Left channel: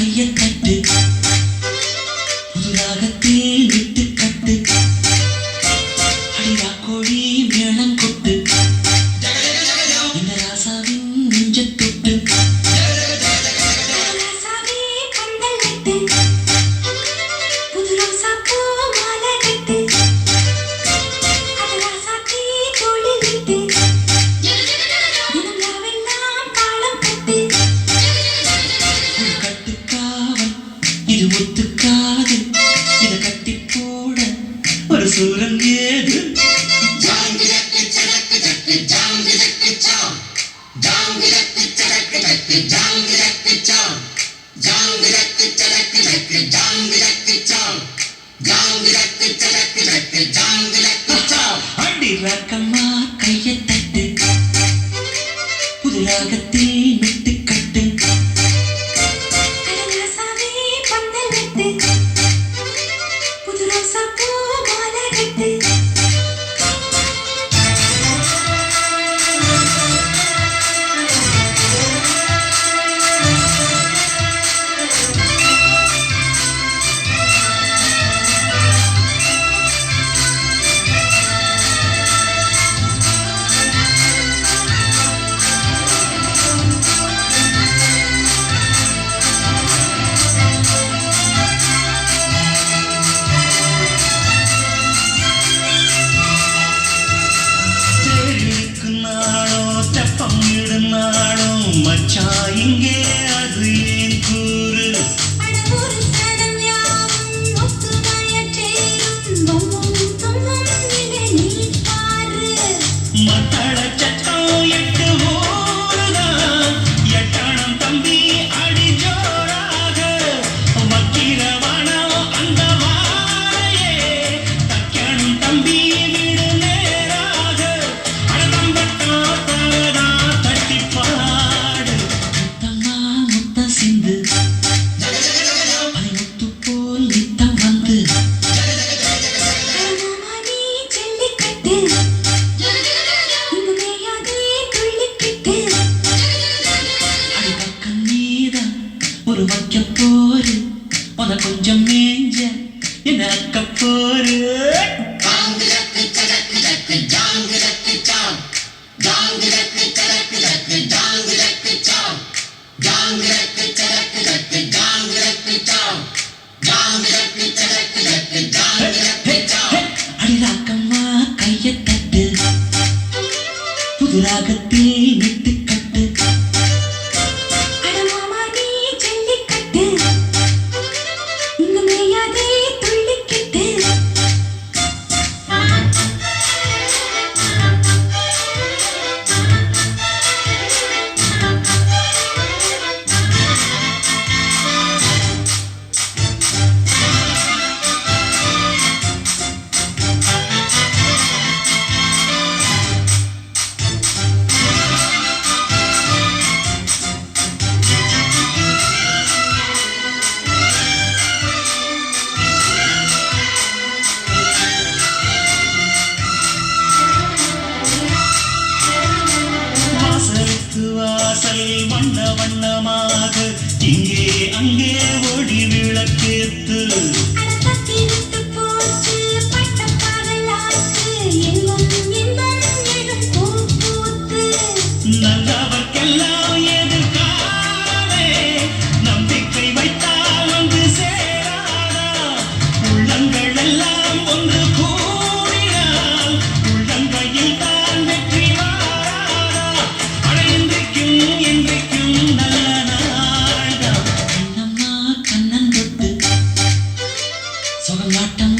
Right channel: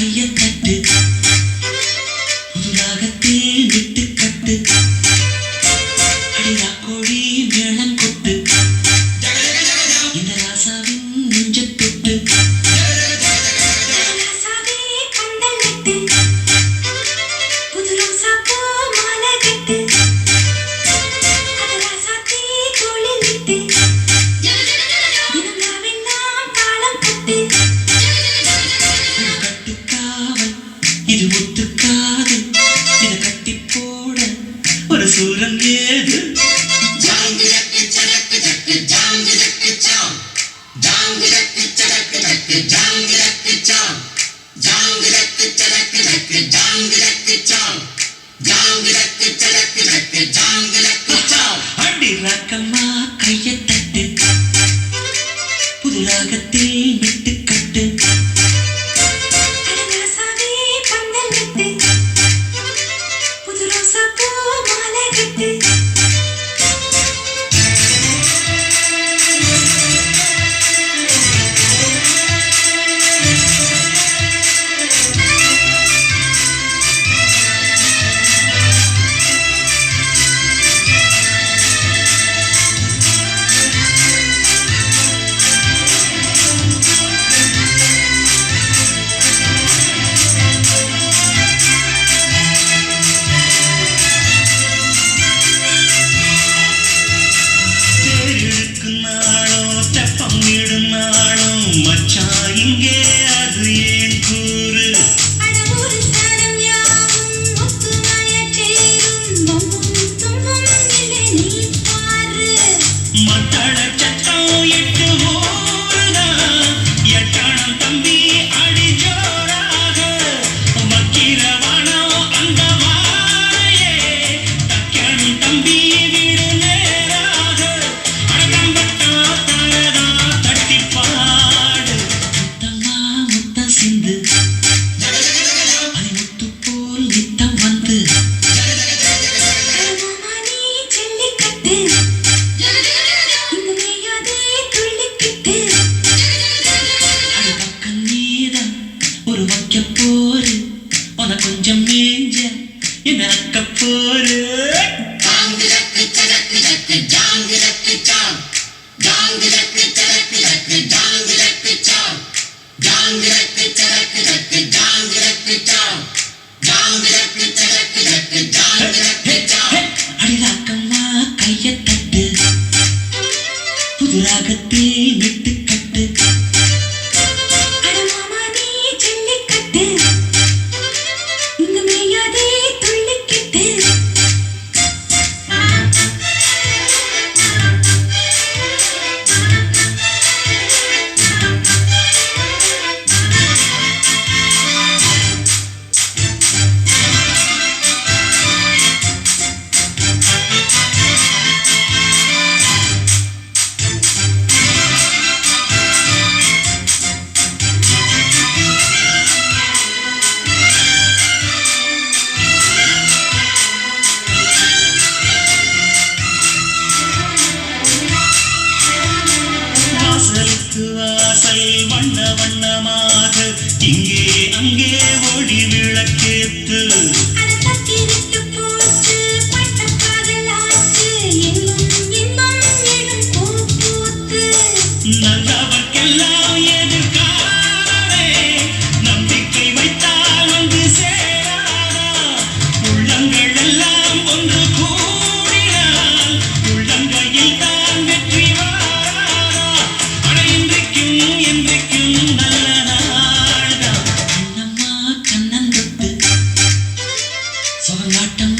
கைய தட்டு புதுராகத்தில் விட்டு கட்டு அடிரா கோழி மேளம் கொட்டு இந்த ராசாவின் நெஞ்ச தொட்டு புது ராசா பூ மாலை கட்டு இது ஒத்துக்காது இத கட்டி போட ஒரு சூரன் ஏது ஜாங்கிரக்கு சரக்கு சக்கு ஜாங்கிரக்கு சாம் ஜாங்கிரக்கு சரக்கு சக்கு ஜாங்கிரக்கு சாம் ஜாங்கிரக்கு சரக்கு சக்கு ஜாங்கிரக்கு சாம் ஜாங்கிரக்கு சரக்கு சக்கு ஜாங்கிரக்கு சாம் அடி ரக்கம்மா கையை தட்டு புது ராகத்தில் விட்டு கட்டு புது ராசா பூ மாலை கட்டு மச்சான் இங்கே அது ஏன் கூறு மத்தள சட்டம் எட்டு ஊருதான் எட்டானம் தம்பி அடி ஜோராக மக்கிரவானோ அந்த வாரையே தக்கானம் தம்பி வீடு நேராக அடம்பட்டா பரதா தட்டிப்பா சிந்து அதை முத்து போல் நித்தம் வந்து ஜல்லிக்கட்டு இங்கு மேயாதே துள்ளிக்கிட்டு அடிபக்கம் நீதான் ஒரு வைக்க போரு உன கொஞ்சம் மேஞ்ச என்ன அக்க போரு ஜாங்கிரக்கு சரக்கு சக்கு ஜாங்கிரக்கு சாம் ஜாங்கிரக்கு சரக்கு சக்கு ஜாங்கிரக்கு சாம் ஜாங்கிரக்கு சரக்கு சக்கு ஜாங்கிரக்கு சாம் ஜாங்கிரக்கு சரக்கு சக்கு ஜாங்கிரக்கு சாம் அடிராக்கம்மா கைய தட்டு புது ராகத்தில் விட்டு கட்டு அடமாமா நீ ஜல்லிக்கட்டு இங்கு மேயாதே துள்ளிக்கிட்டு வாசல் வண்ண வண்ணமாக இங்கே அங்கே ஒளி விளக்கேத்து நல்லவர்க்கெல்லாம் எதிர்காலமே நம்பிக்கை வைத்தால் வந்து சேராதா உள்ளங்கள் எல்லாம் ஒன்று கூடினால் உள்ளங்கையில் தான் வெற்றி சொகநாட்டம்